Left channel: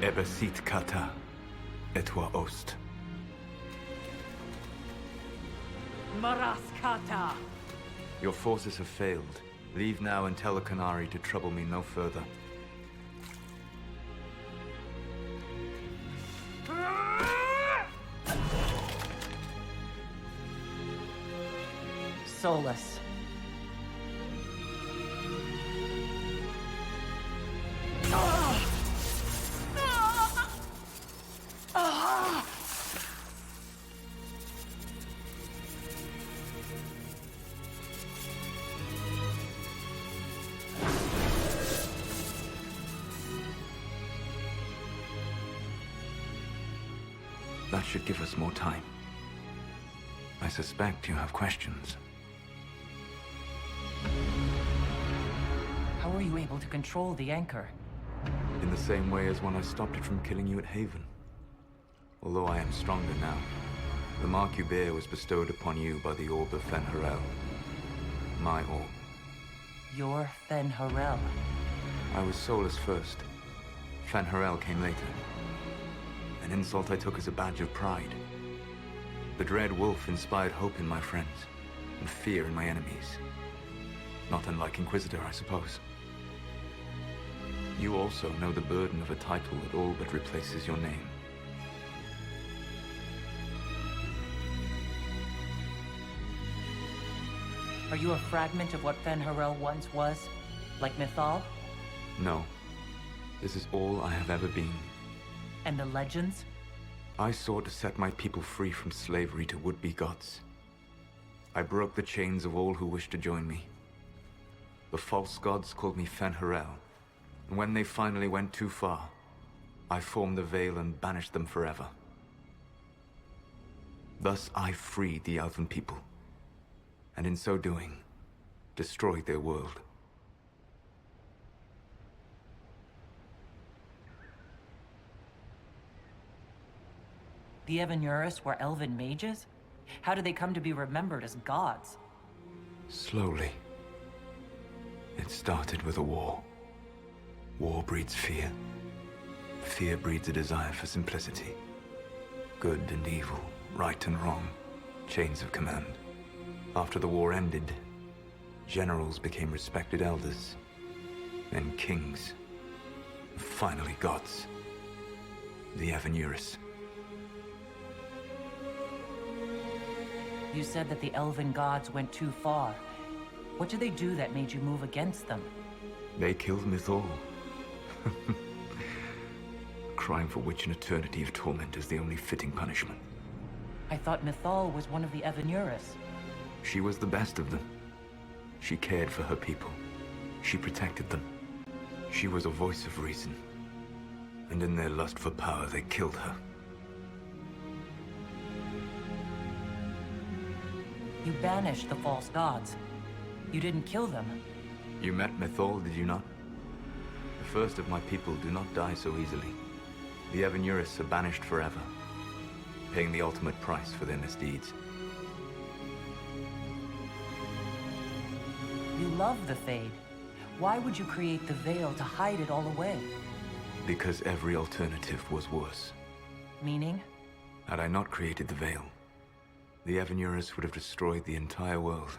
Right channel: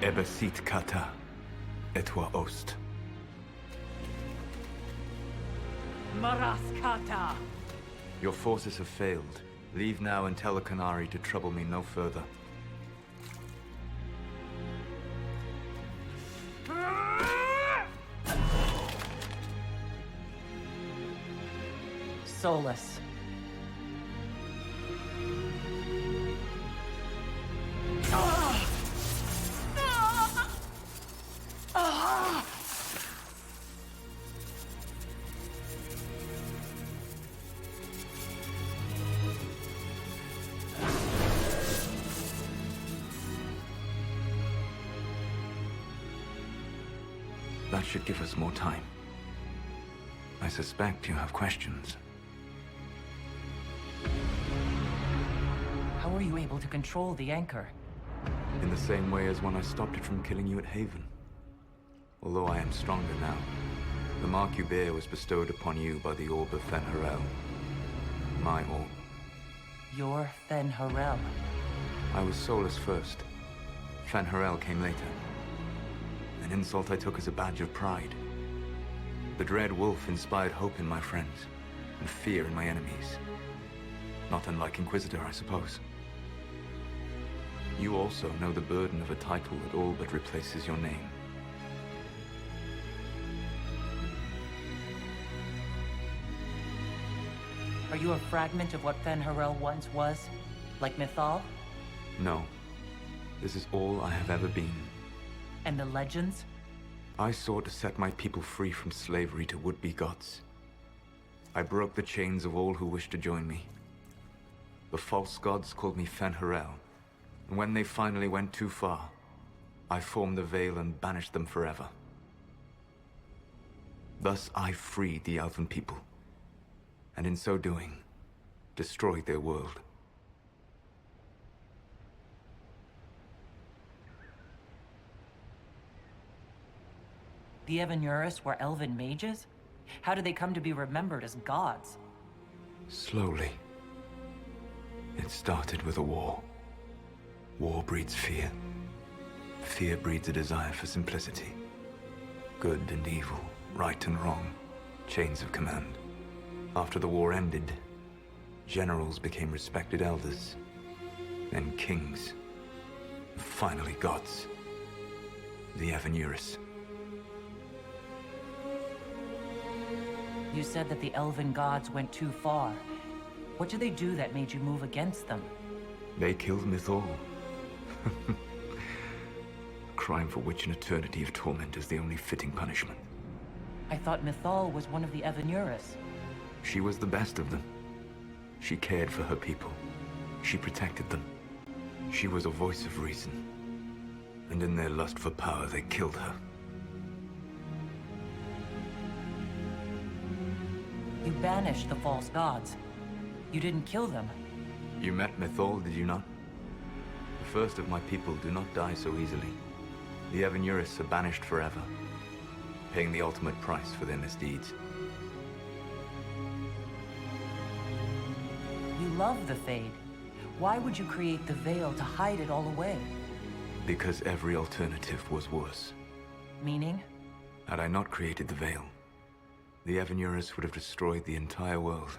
Ebesit kata, etwa ost. Maraskata! Your forces have failed. Leave now and tell the qunari to trouble me no further. Solus. That should give us more time. I suspect you have questions. How were you able to control the anchor? In the same way as when I stopped it from killing you at Haven. Although I am stronger now, the mark you bear was bestowed upon you by the orb of Fen'Harel. My orb. You're Fen'Harel. I was Solus first. Fen'Harel came later. An insult I took as a badge of pride. The Dread Wolf inspired hope in my friends, and fear in my enemies. Not unlike Inquisitor, I suppose. You also know the burden of a title that all but replaces your name. Are you a fragment of what Fen'Harel once was? Like Mythal? No. This is all I have ever been. And the legends? I sought to set my people free from slavery to would-be gods. I broke the chains of all who wished to join me. The false gods called me Fen'Harel, and when they finally went too far, I formed the Veil and banished them forever. Thus I freed the Elven people, and in so doing, destroyed their world. The Evanuris were elven mages? How did they come to be remembered as gods? Slowly. It started with a war. War breeds fear. Fear breeds a desire for simplicity. Good and evil, right and wrong, chains of command. After the war ended, generals became respected elders, then kings, and finally gods. The Evanuris. You said that the elven gods went too far. What did they do that made you move against them? They killed Mythal. A crime for which an eternity of torment is the only fitting punishment. I thought Mythal was one of the Evanuris. She was the best of them. She cared for her people. She protected them. She was a voice of reason. And in their lust for power, they killed her. You banished the false gods. You didn't kill them. You met Mythal, did you not? The first of my people do not die so easily. The Evanuris are banished forever, paying the ultimate price for their misdeeds. You love the Fade. Why would you create the Veil to hide it all away? Because every alternative was worse. Meaning? Had I not created the Veil, the Evanuris would have destroyed the entire world.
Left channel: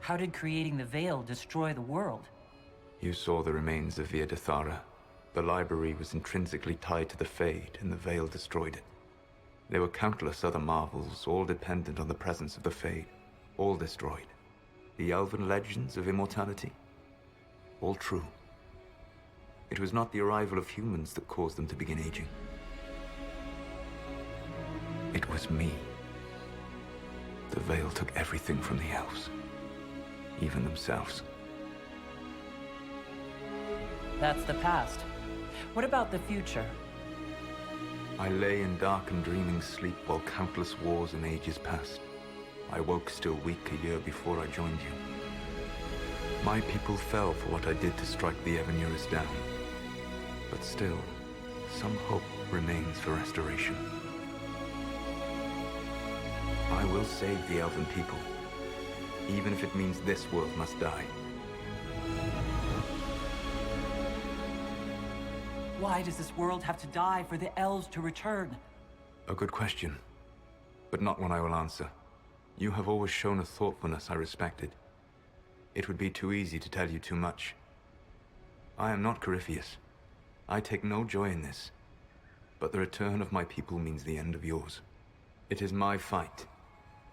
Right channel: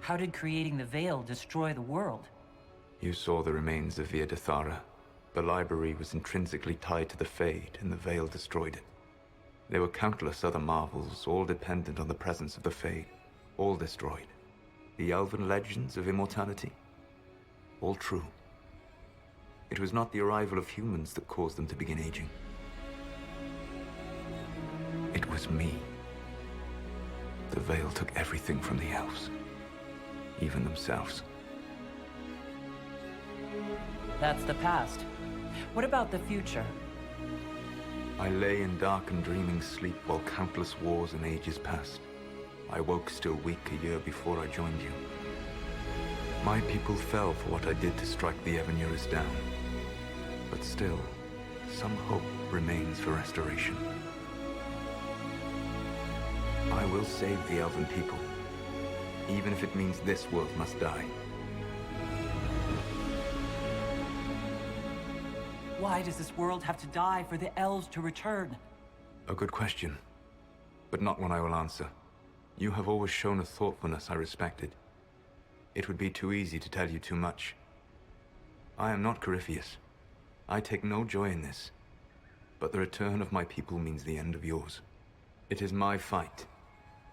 How did creating the Veil destroy the world? You saw the remains of viddasala. The library was intrinsically tied to the Fade, and the Veil destroyed it. There were countless other marvels, all dependent on the presence of the Fade, all destroyed. The elven legends of immortality, all true. It was not the arrival of humans that caused them to begin aging. It was me. The Veil took everything from the elves, even themselves. That's the past. What about the future? I lay in dark and dreaming sleep while countless wars and ages passed. I woke still weak a year before I joined you. My people fell for what I did to strike the Evanuris down. But still, some hope remains for restoration. I will save the elven people, even if it means this world must die. Why does this world have to die for the elves to return? A good question, but not one I will answer. You have always shown a thoughtfulness I respected. It would be too easy to tell you too much. I am not Corypheus. I take no joy in this. But the return of my people means the end of yours. It is my fight.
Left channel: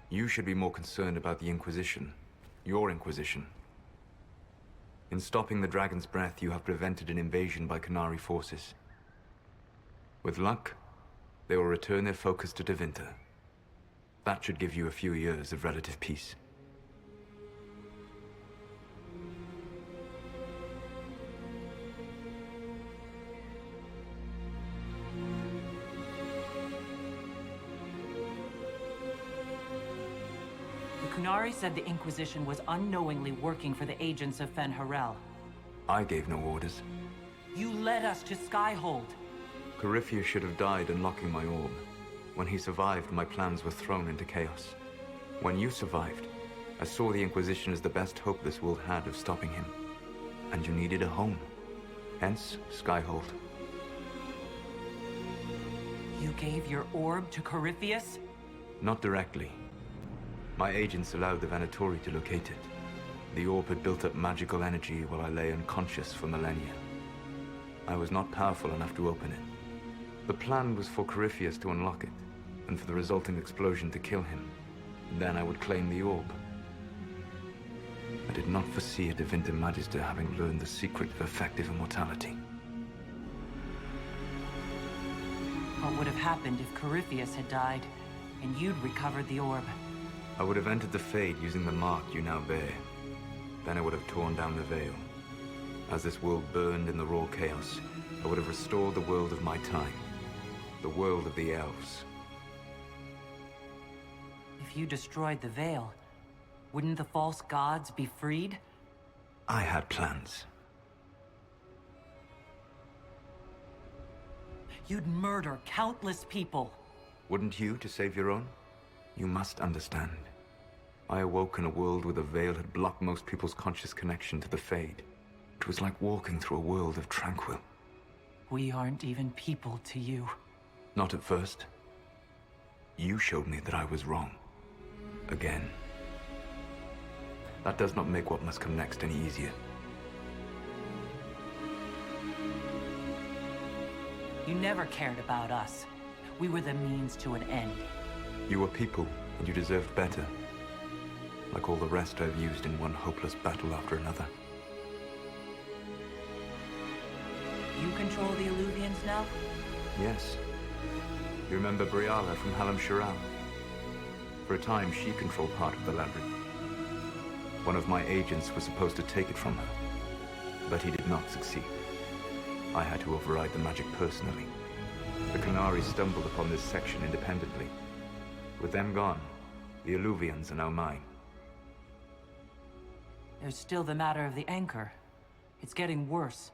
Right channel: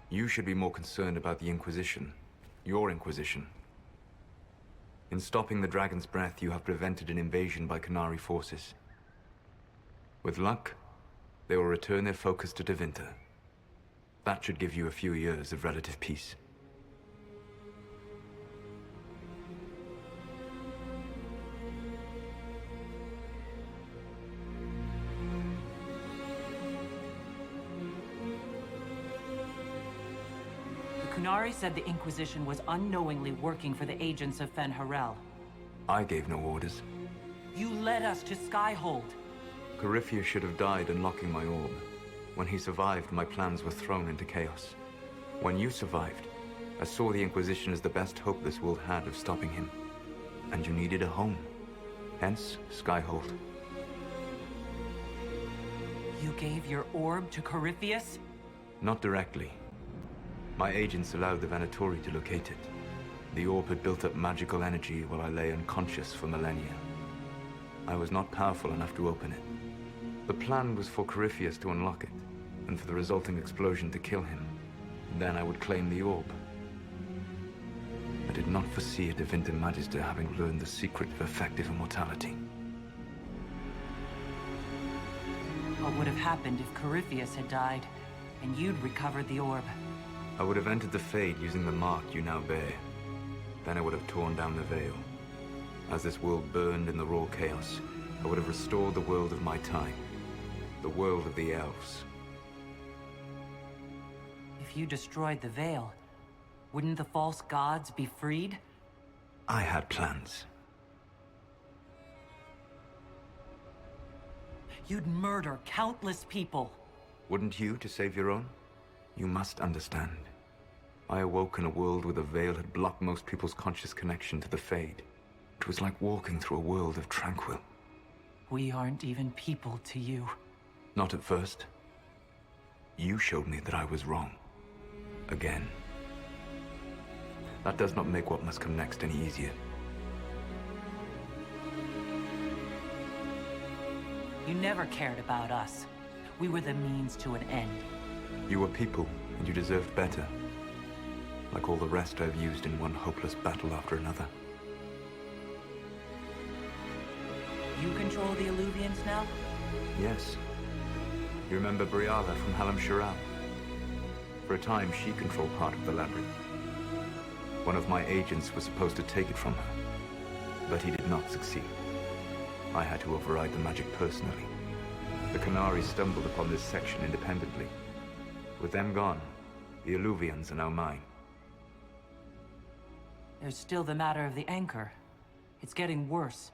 You should be more concerned about the Inquisition. Your Inquisition. In stopping the Dragon's Breath, you have prevented an invasion by qunari forces. With luck, they will return their focus to Tevinter. That should give you a few years of relative peace. The qunari said the Inquisition was unknowingly working for the agents of Fen'Harel. I gave no orders. You led us to Skyhold. Corypheus should have died unlocking my orb. When he survived, my plans were thrown into chaos. When you survived, I saw the Inquisition as the best hope this world had of stopping him. And you needed a home. Hence, Skyhold. You gave your orb to Corypheus? Not directly. My agents allowed the Venatori to locate it. The orb had built up magical energy while I lay unconscious for millennia. I was not powerful enough to open it. The plan was for Corypheus to unlock it, and for the resulting explosion to kill him. Then I would claim the orb. I did not foresee a Tevinter Magister having learned the secret of effective immortality. What would have happened if Corypheus had died, and you'd recovered the orb? I would have entered the Fade using the mark you now bear. Then I would have torn down the veil. As this world burned in the raw chaos, I would have restored the world of my time. The world of the elves. If you destroyed the veil, wouldn't the false gods be freed? I had plans. You'd murder countless people. Wouldn't you to save your own? You must understand. I awoke in a world where the veil had blocked most people's conscious connection to the Fade. It was like walking through a world of tranquil. We aren't even people to you. Not at first. You showed me that I was wrong. Again. That does not make what must come next any easier. You never cared about us. We were the means to an end. You were people, and you deserved better. Like all the rest I've used in one hopeless battle after another. You control the Illuvians now? Yes. You remember Briala from Halam Shiral? For a time, she controlled part of the labyrinth. One of my agents was supposed to take it from her, but he did not succeed. I had to override the magic personally. The qunari stumbled upon this section independently. With them gone, the Illuvians are now mine. There's still the matter of the anchor. It's getting worse.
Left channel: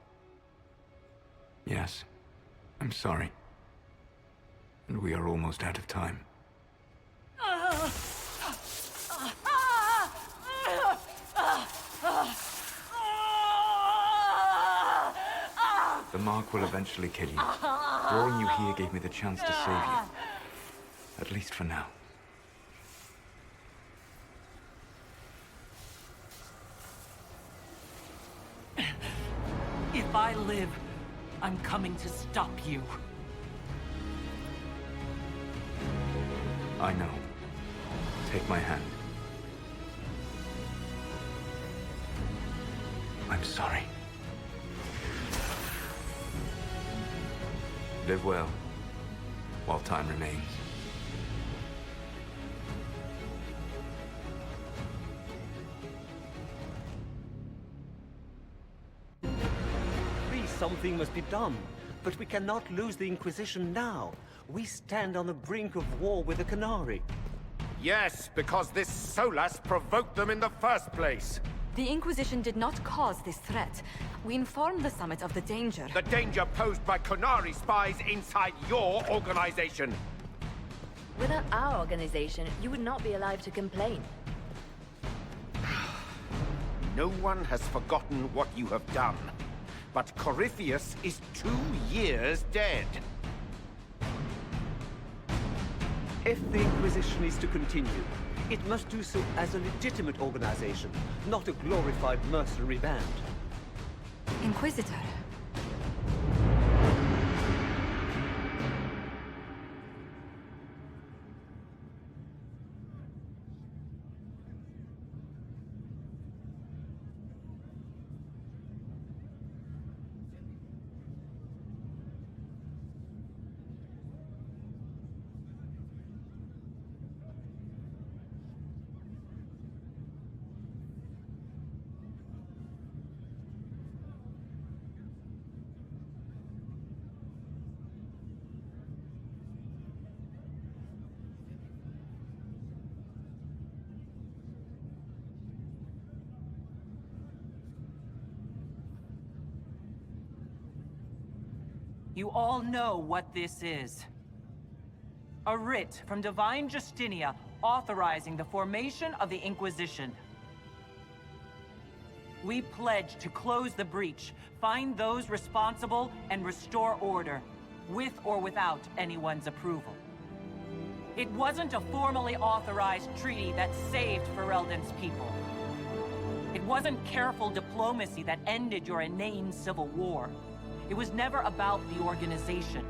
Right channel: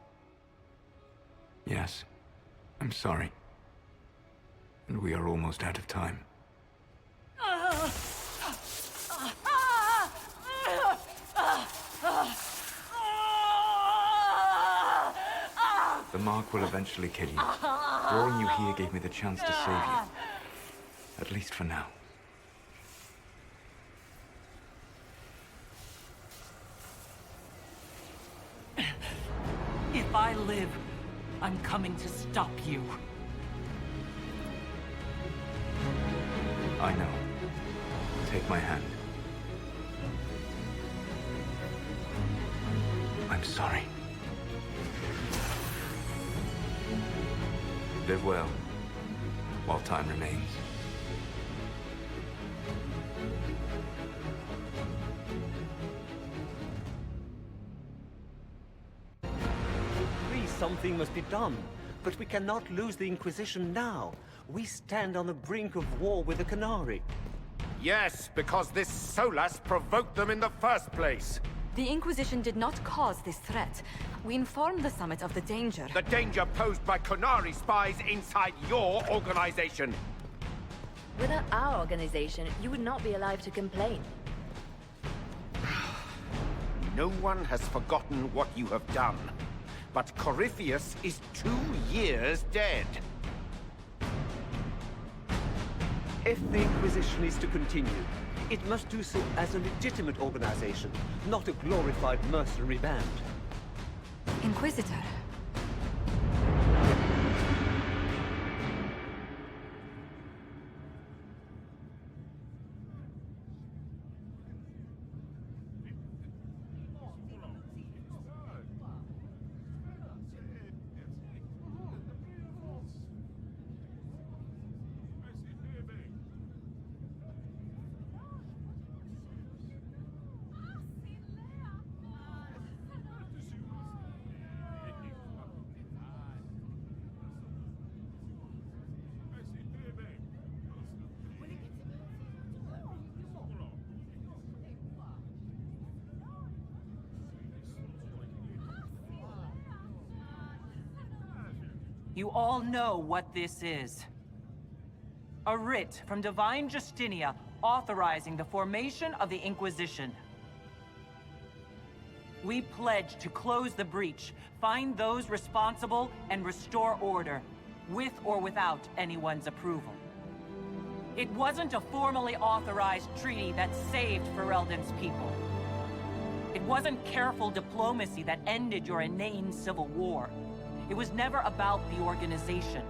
Yes. I'm sorry. And we are almost out of time. The mark will eventually kill you. Drawing you here gave me the chance to save you. At least for now. If I live, I'm coming to stop you. I know. Take my hand. I'm sorry. Live well, while time remains. Something must be done, but we cannot lose the Inquisition now. We stand on the brink of war with the qunari. Yes, because this Solas provoked them in the first place. The Inquisition did not cause this threat. We informed the Summit of the danger. The danger posed by qunari spies inside your organization. Without our organization, you would not be alive to complain. No one has forgotten what you have done. but Corypheus is 2 years dead. If the Inquisition is to continue, it must do so as a legitimate organization, not a glorified mercenary band. Inquisitor. You all know what this is. A writ from Divine Justinia authorizing the formation of the Inquisition. We pledge to close the breach, find those responsible, and restore order, with or without anyone's approval. It wasn't a formally authorized treaty that saved Ferelden's people. It wasn't careful diplomacy that ended your inane civil war. It was never about the organization.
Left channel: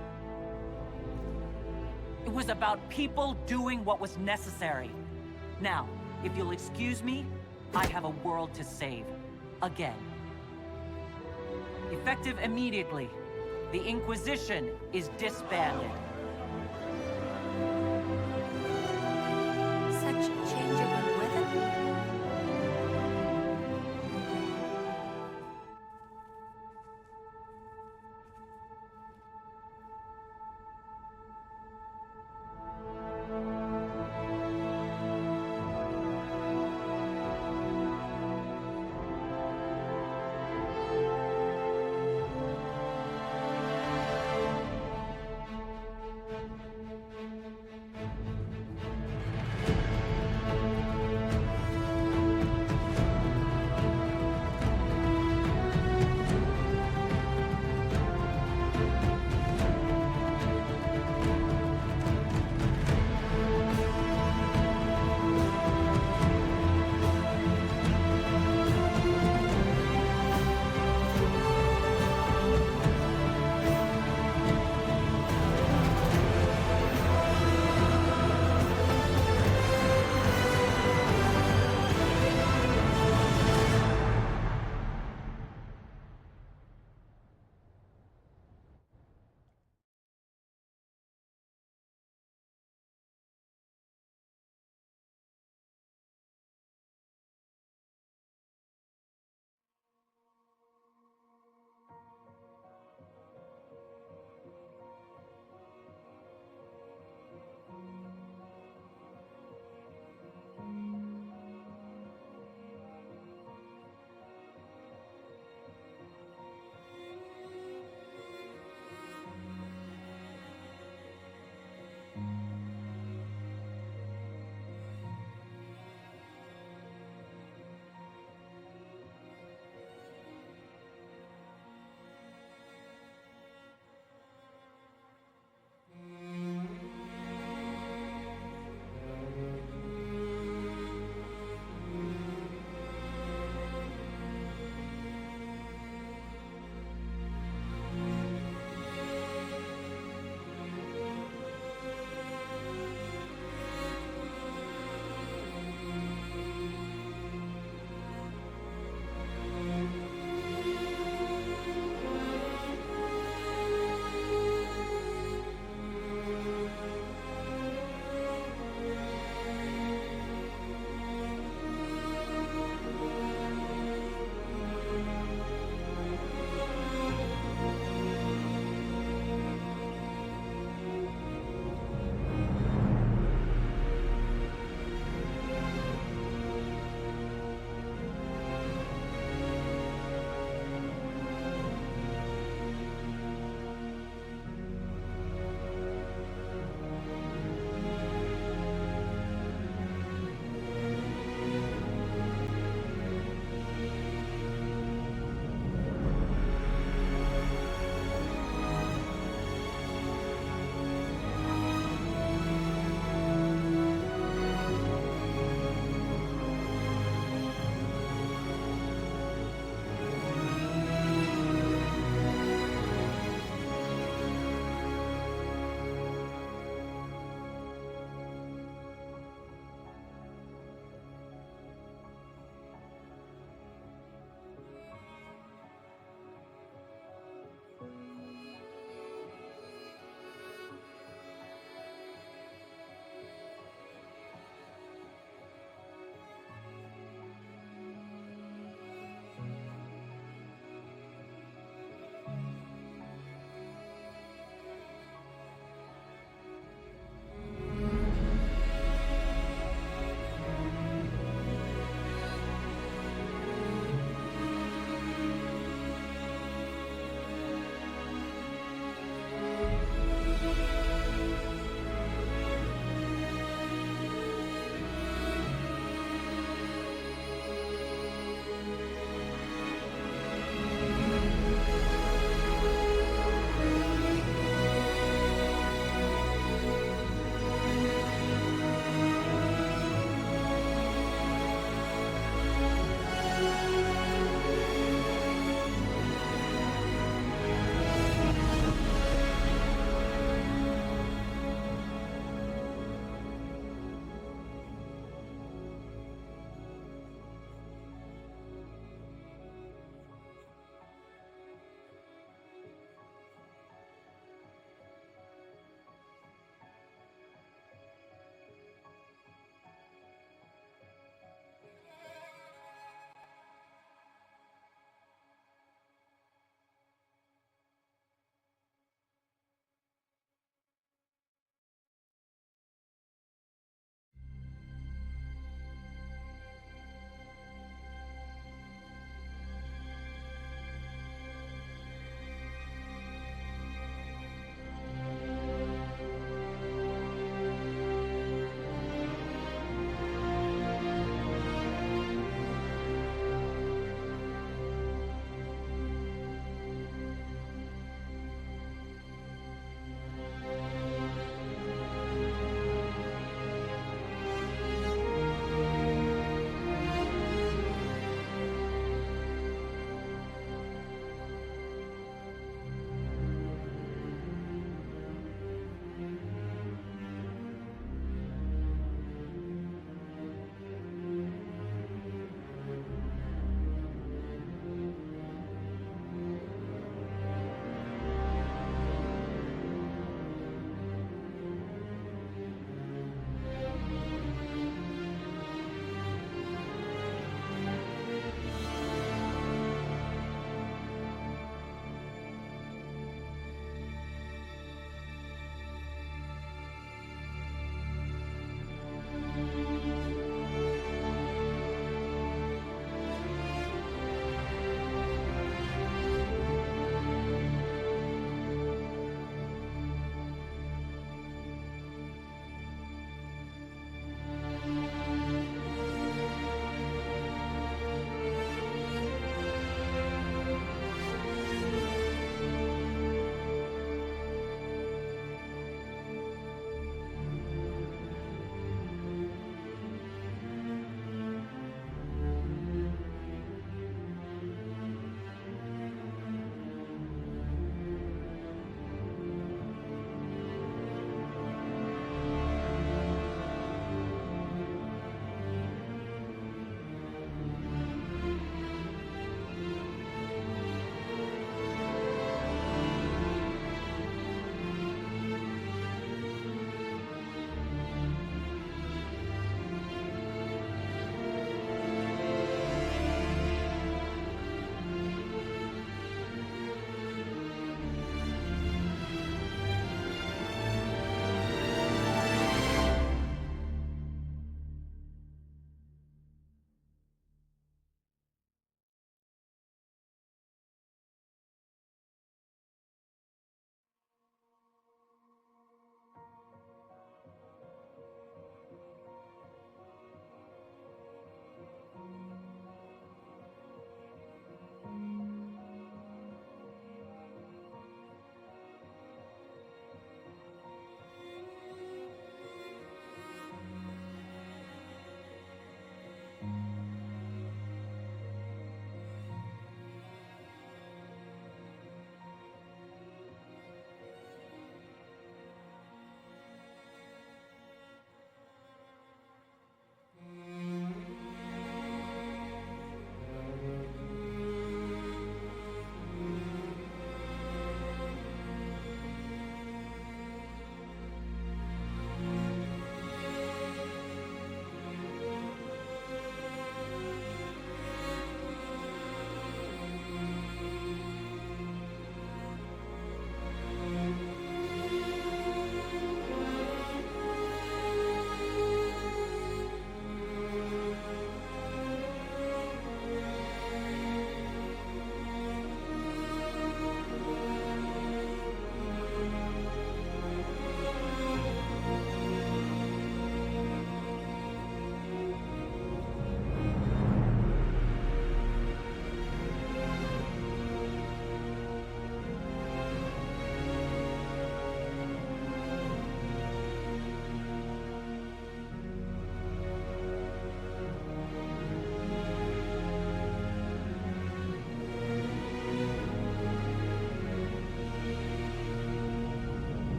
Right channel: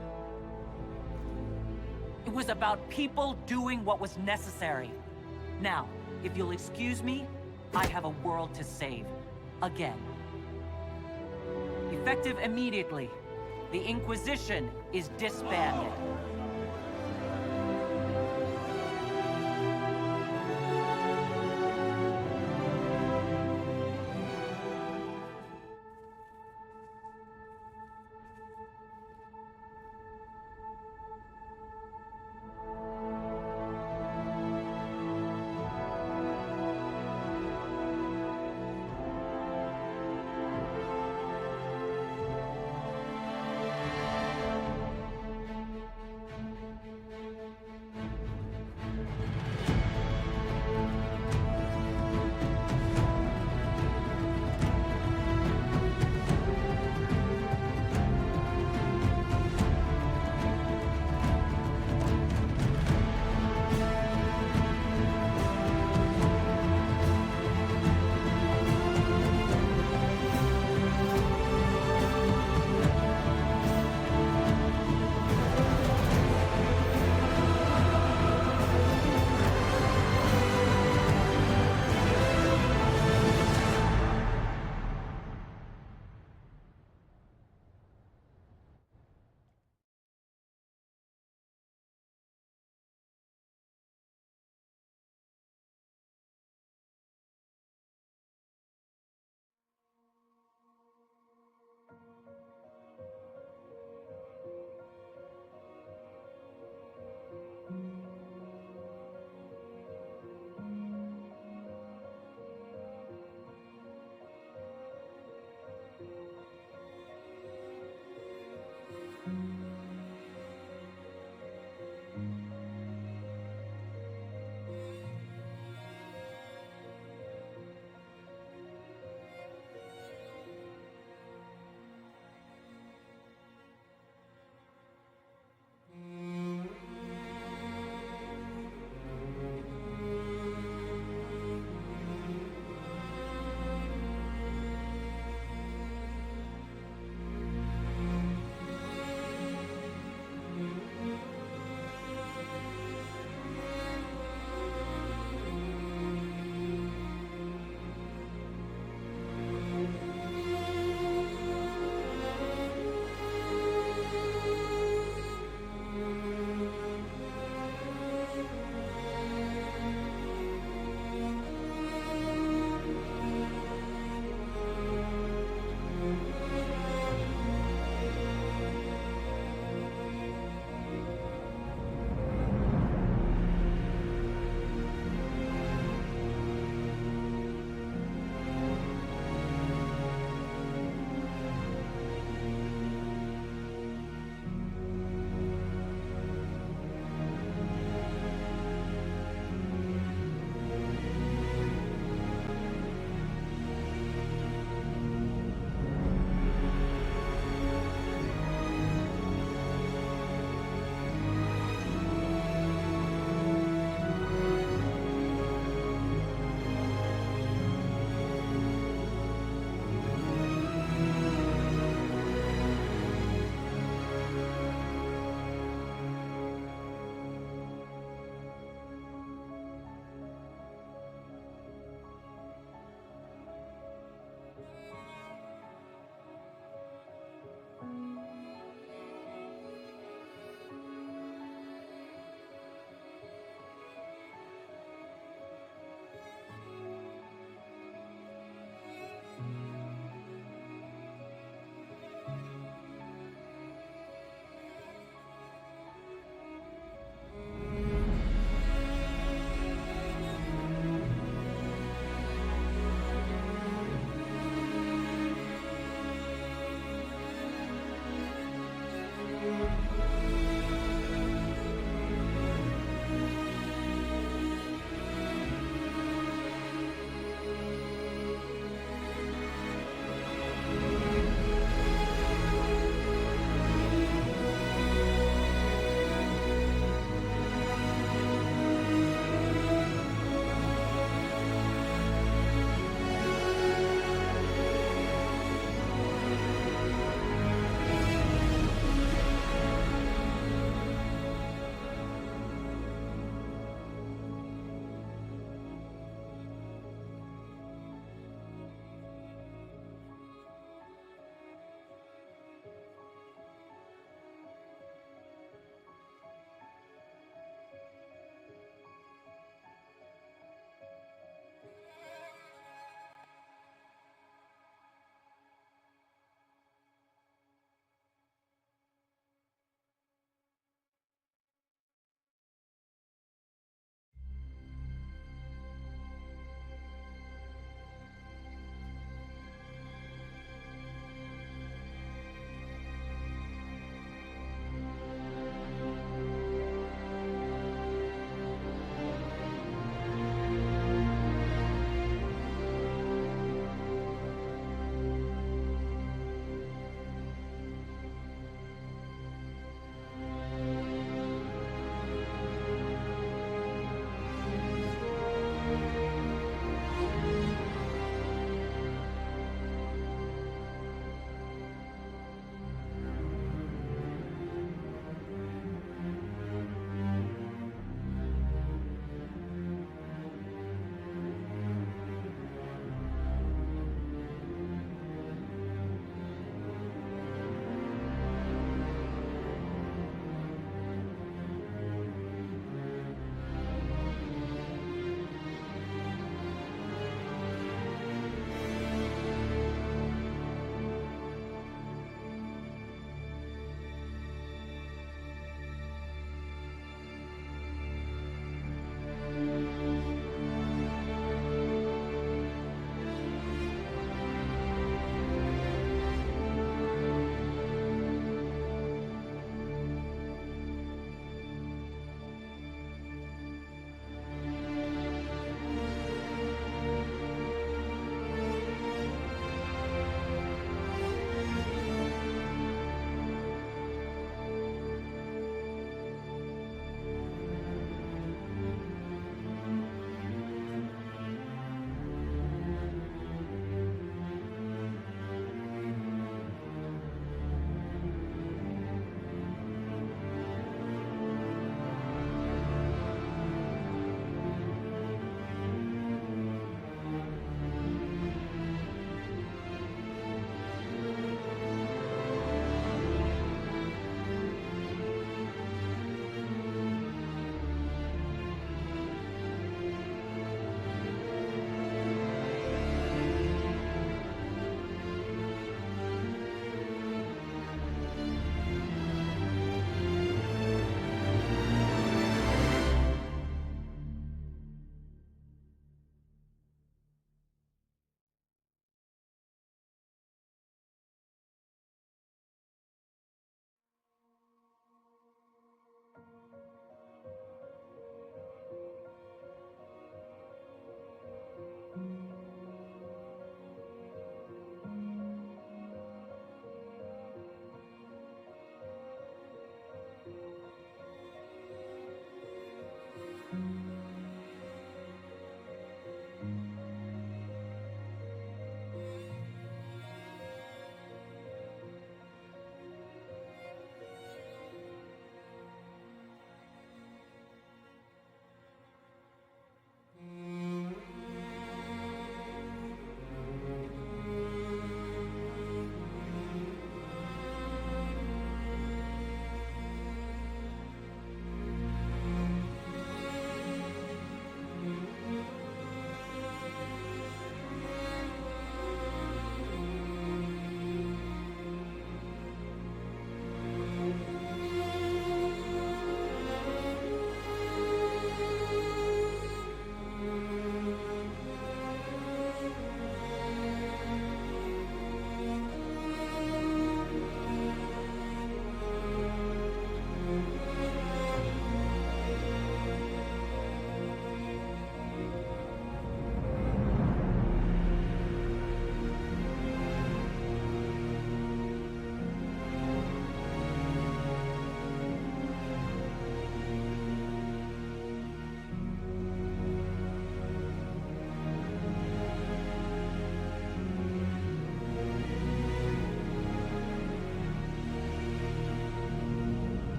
It was about people doing what was necessary. Now, if you'll excuse me, I have a world to save. Again. Effective immediately, the Inquisition is disbanded. Such a change in the weather.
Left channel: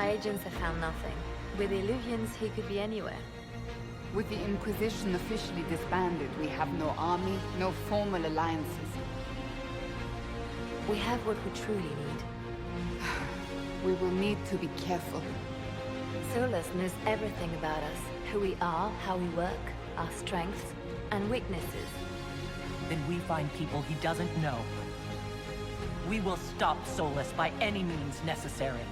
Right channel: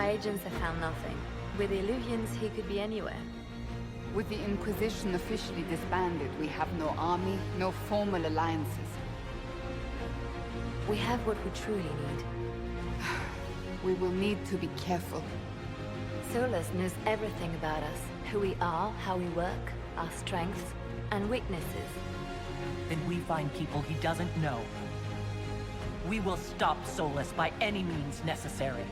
My agents have found nothing. With the Illuvians, he could be anywhere. With the Inquisition officially disbanded, we have no army, no formal alliances. We have what we truly need. We will need to be careful. Solus knows everything about us. Who we are, how we work, our strengths, and weaknesses. Then we find people he doesn't know. We will stop Solus by any means necessary.